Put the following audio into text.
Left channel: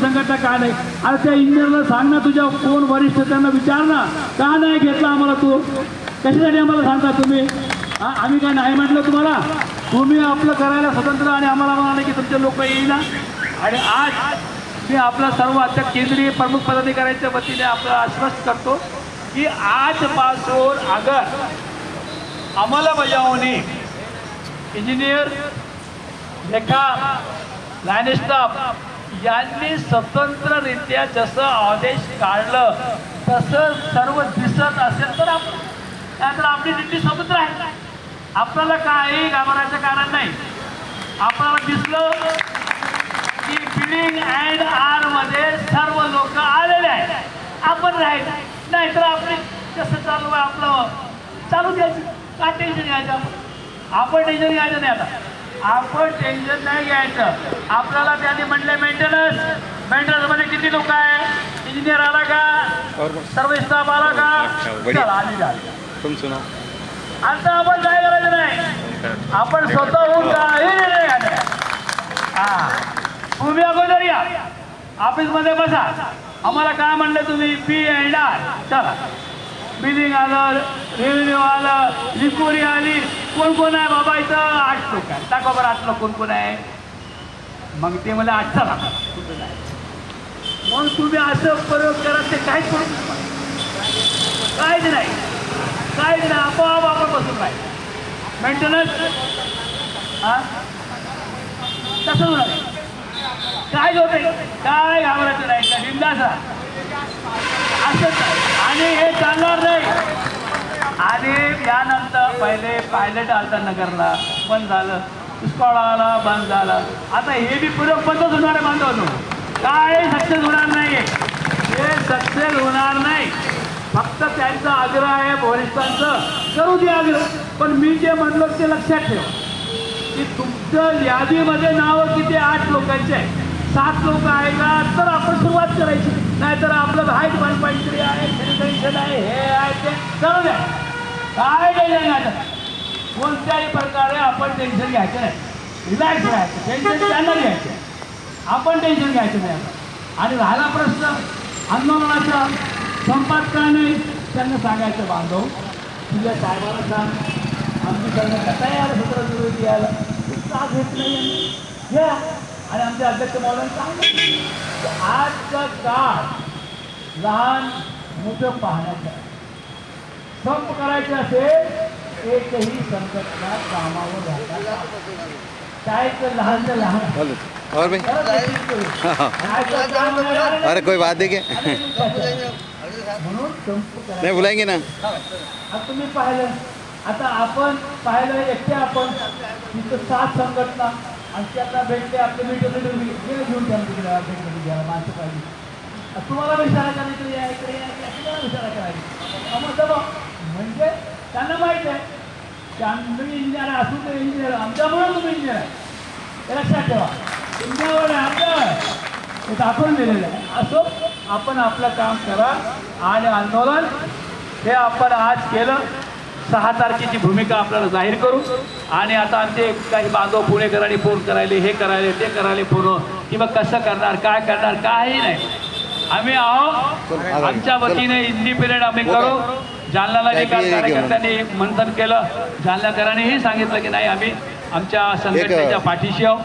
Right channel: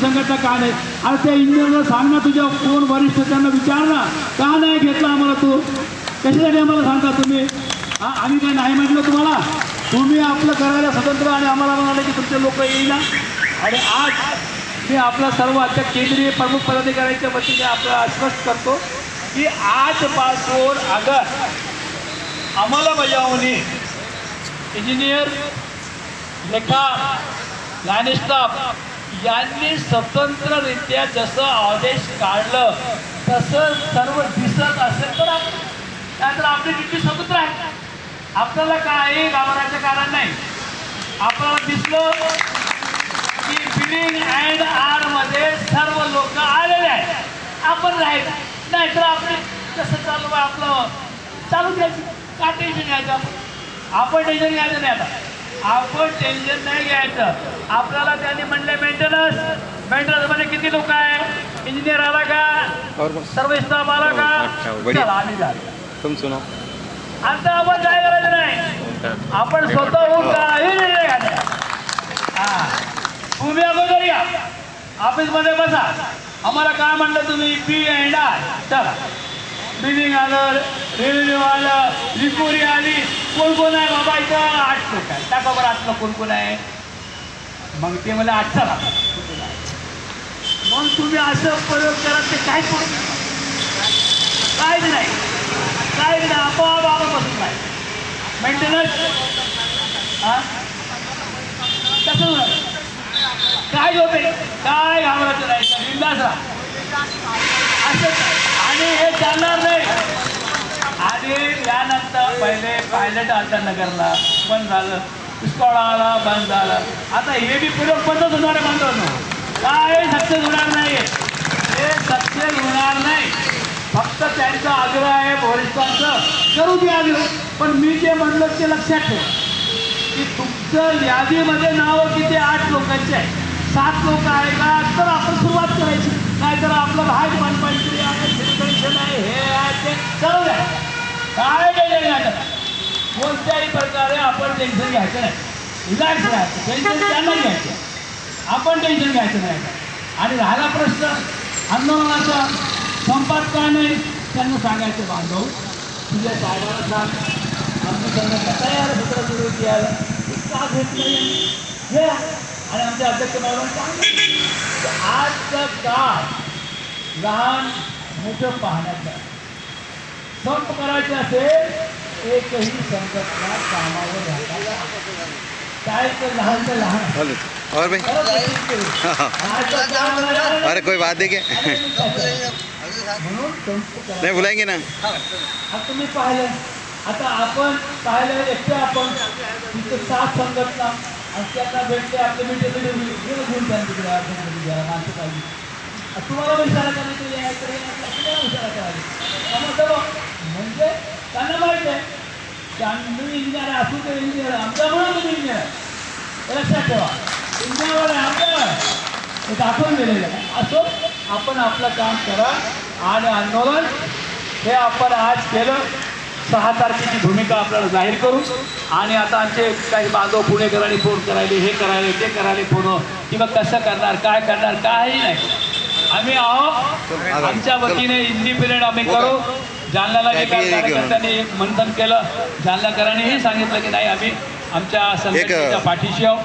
संघटना का नाही? आणि त्या इंजिनियरला सांग ना तुझ्या कोण वरिष्ठ त्यांना विचार ना. का नाही घेतला आम्हाला तू? कशासाठी आम्हाला सांगता तुम्ही? हां आम्ही काय नाही म्हटलं तुम्हाला? तुम्ही आपलं करायला स्वतंत्र आणि आम्हाला म्हणाले की तुमचे लोक येईना आणि आज मी आपला सर्व आता केंद्रीय प्रमुख पदाधिकाऱ्यांच्या वतीने आपला आश्वस्त करतो की आजपासून अगर अंमलबजावणी इंजिनियर लेखा लाईन स्टाफ यांनी स्वतंत्ररित्या जसं आदेश काढलं तसं सर्व दिसत असेल तर आपण त्यात आपली ड्युटी स्वतंत्र आहे. आपल्याला काही घाबरायचं कारण नाही. आपल्याला दिसलं की बिलिंग अँड आरमध्ये सर्व लोक आलेले आहेत. आपण राहायचं नाहीतर आपले कसं चालू आहे आपलं? चालू द्यायचं. का टेन्शन घ्यायचं आपण? आपण टेन्शन घ्यायचं नाही आता. आपण टेन्शन नाही घ्यायचं. आपल्याला त्यांनी म्हणले मेंटेनन्स मेंटेनन्समध्ये किती लोक आहे? इंजिनियर आला का? सर्व स्टाफ आला का? आता आपण काय करायचं नाही. आपण स्वतःहून काही निर्णय घ्यायचा हा. तुम्ही अगोदर या. ऑफिसमध्ये बसा. आम्हाला काय म्हणलं तुम्ही? पी अँड आर चला. बिलिंग आलं. रेव्हेन्यू आलं. रिकवरी आली. कोण कोण आहे बाबा इथं? आठ लोक आहे टाका बरं असलं कोण कोण आहे. मग ते मला आठचा चला. मग तुम्ही असं प्रयोग करा ते काय करू काहीच नाही. काय नाही. आपोआप आपण बसून नाही. मेंटेनन्स हां? कसं होणार काय होते काय घाबरायचं नाही. का बिंदास राहा. असं आणि हे चालणार नाही. त्यानंतर पहिले पायलट आलता नगरला. बंद झालं. पुष्कळ बंद झालं. आता हे बी प्रयोग बंदच होणार आहे बांधवांनो काय सक्सेस होणार नाही. हे सक्सेस होणार नाही. फक्त त्यांचा आग्रह आहे वरिष्ठांचं करू दे आग्रह. पण मी जे म्हणलं ते लक्षात ठेव. की तुमच्या यादीमध्ये नावं किती आठ लोकांचे आहे. सात लोक आहे का? तर आपण सुरुवात करायची. नाहीतर आपलं हायट बांधपायची आहे आहे हे आहे ते. चालू द्या. काय टेन्शन घ्यायचं कोणत्याही प्रकारे आपण टेन्शन घ्यायचं नाही. रिलॅक्स राहायचं. टेन्शन त्यांना घ्यायचं. आपण टेन्शन घ्यायचं नाही. आणि राहिला प्रश्न आंदोलनाचा संपात का नाही त्यांना सांगायचं बांधव तुझ्या साहेबाला सांग. आमची त्यांना कसा यायला सत्र सुरू यायला तू का घेत नाही घ्या आणि आमच्या अध्यक्ष महोदयांनी सांगितलं आजचा काळ लहान मोठं पाहण्याचं आहे. संप करायचं असेल एकही संघटना कामावर राहता काय तर लहान ते लहान. और भाई? ते. अरे कोई बात करायचा. नहीं बुलाएँगे ना. आता तुम्ही पाहिलं. आता आपण पाहिलं एकटे आपण. तिथं सात संघटना. आणि त्यांना भेटते आपले मीटर मीटर वेळ घेऊन त्यांना तिकडे माणसं पाहिजे आता तुम्हाला विचारा करायची हे आहे, ते असं विचारा करायचं मग बघ म्हणजे त्यांना माहिती आहे तुम्ही इंजिनियर असू ते इंजिनियर आमच्यामुळे तुम्ही इंजिनियर आहे. लक्षात ठेवा. इंजिनियर आमच्यावर हे दाखवून दिलेलं आहे. असो आपण आपलं काम करा आणि आंदोलन. हे आपण आज केलं. सहा तारखेची भूमिका आपल्याला जाहीर करू. आणि आता आमचे काही बांधव पुणेकरांनी फोन करायले हे करायले ते करायले फोन. किंवा कसं करणार काय करणार काही नाही. आम्ही आहोत. आमच्या वतीने इंडिपेंडेंट आम्ही करू. जालन्याला जे काल कार्यकर्त्यांनी एक मंथन केलं. जालन्याकरांनीही सांगितलं की नाही आम्ही आमच्या संघटनेच्या पाठीशी आहोत.